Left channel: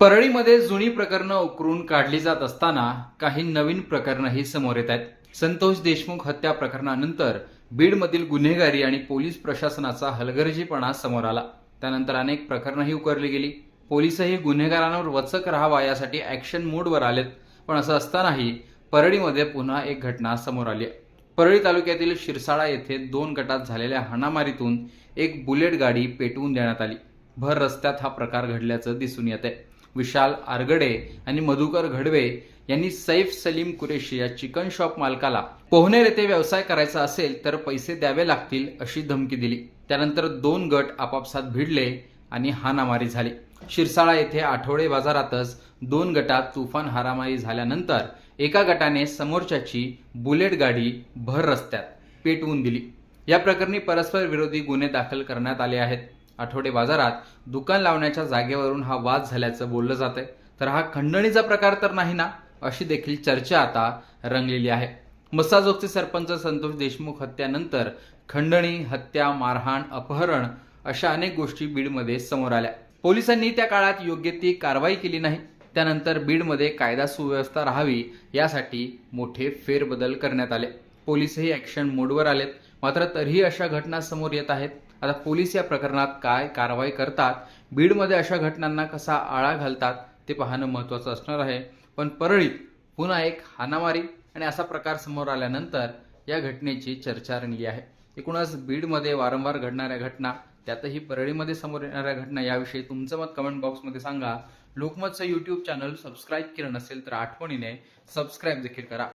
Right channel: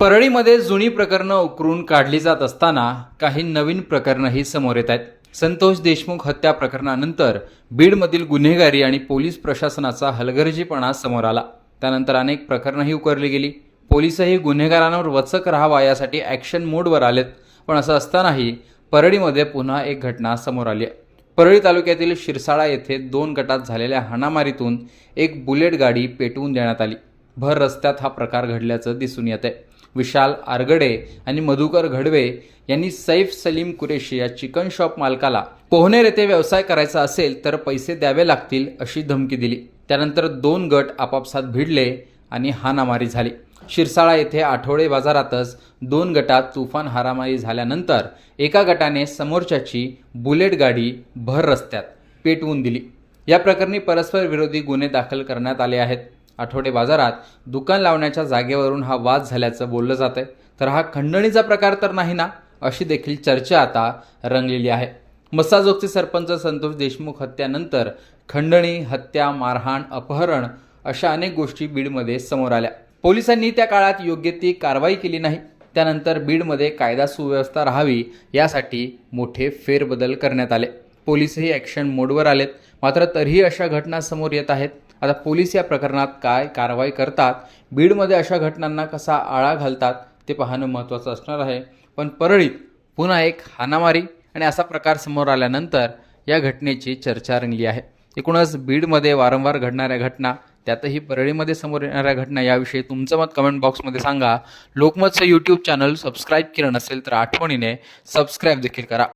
परळीमध्ये जुनी प्रकरणं उकरून काढली जात असताना काही नवीन प्रकरणंही समोर येत आहेत. संतोष देशमुख हत्या प्रकरणानंतर बीडमधील गुन्हेगारी आणि पोलीस प्रशासनाचा हलगर्जीपणा समोर आला. त्यानंतर अनेक प्रकरणंही उकरली गेली. पोलीसही गुन्हेगारांवर वचक राहावा यासाठी ॲक्शन मोडवर आलेत. पण असं असतानाही परळीमध्ये पुन्हा एक घटना समोर आली आहे. परळी तालुक्यातील शिरसाळा येथे दोन गटात झालेल्या हाणामारीतून एक बुलेट गाडी पेटवून देण्यात आली. भर रस्त्यात हा प्रकार घडल्याचं दिसून येत आहे विशाल आरगडे आणि मधुकर घडवे यांनी सैफ सलीम कुरेशी या चिकन शॉप मालकाला पोहनेर येथे व्यवसाय करायचा असेल तर पैसे द्यावे लागतील अशी धमकी दिली. त्यानंतर दोन गट आपापसात भिडले आणि हाणामारी झाली. शिरसाळा येथे आठवडे बाजारातच दोन गटात तुफान हारामारी झाल्यानंतर एका गटाने समोरच्याची बुलेट गाडी भर रस्त्यात पेटवून दिली. या प्रकरणी परस्पर विरोधी गुन्हे दाखल करण्यात आले आहेत. आठवडे बाजारात दुकान लावण्याच्या जागेवरून हा वाद झाल्याचं बोललं जातंय. तर हा खंडणीचा प्रकार तर नाही ना? अशी देखील चर्चा आता रंगलेली आहे. मसाजोगचे सरपंच संतोष देशमुख हत्यानंतर खंडणी हत्या मारहाण अपहरण अशा अनेक गोष्टी बीडमध्ये समोर आल्या. पोलिसांनी त्या काळात योग्य ती कारवाई केली नाही. त्यानंतर बीडमध्ये कायदा सुव्यवस्था राहावी यासाठी मोठे फेरबदल करण्यात आले. पोलीसही ॲक्शन मोडवर आलेत. मात्र तरीही अशा घटना समोर येत आहेत. आता पोलीस या प्रकरणात काय कारवाई करतात? बीडमध्ये अशा घटनांना कसा आळा घालतात? ते पाहणं महत्त्वाचं असणार आहे. पण परळीत पुन्हा एक हाणामारी आणि असा प्रकार समोर आल्यानंतर या घटनेची चर्चा रंगली आहे. एकूणच बीडमध्ये वारंवार घडणाऱ्या घटना त्यातही परळीमध्ये समोर येणाऱ्या घटना याविषयी तुमचं मत कमेंट बॉक्समध्ये सांगा. लोकमतचं यूट्यूब चॅनल सबस्क्राईब केलं नसेल तर आठवणीने सबस्क्राईब देखील करा.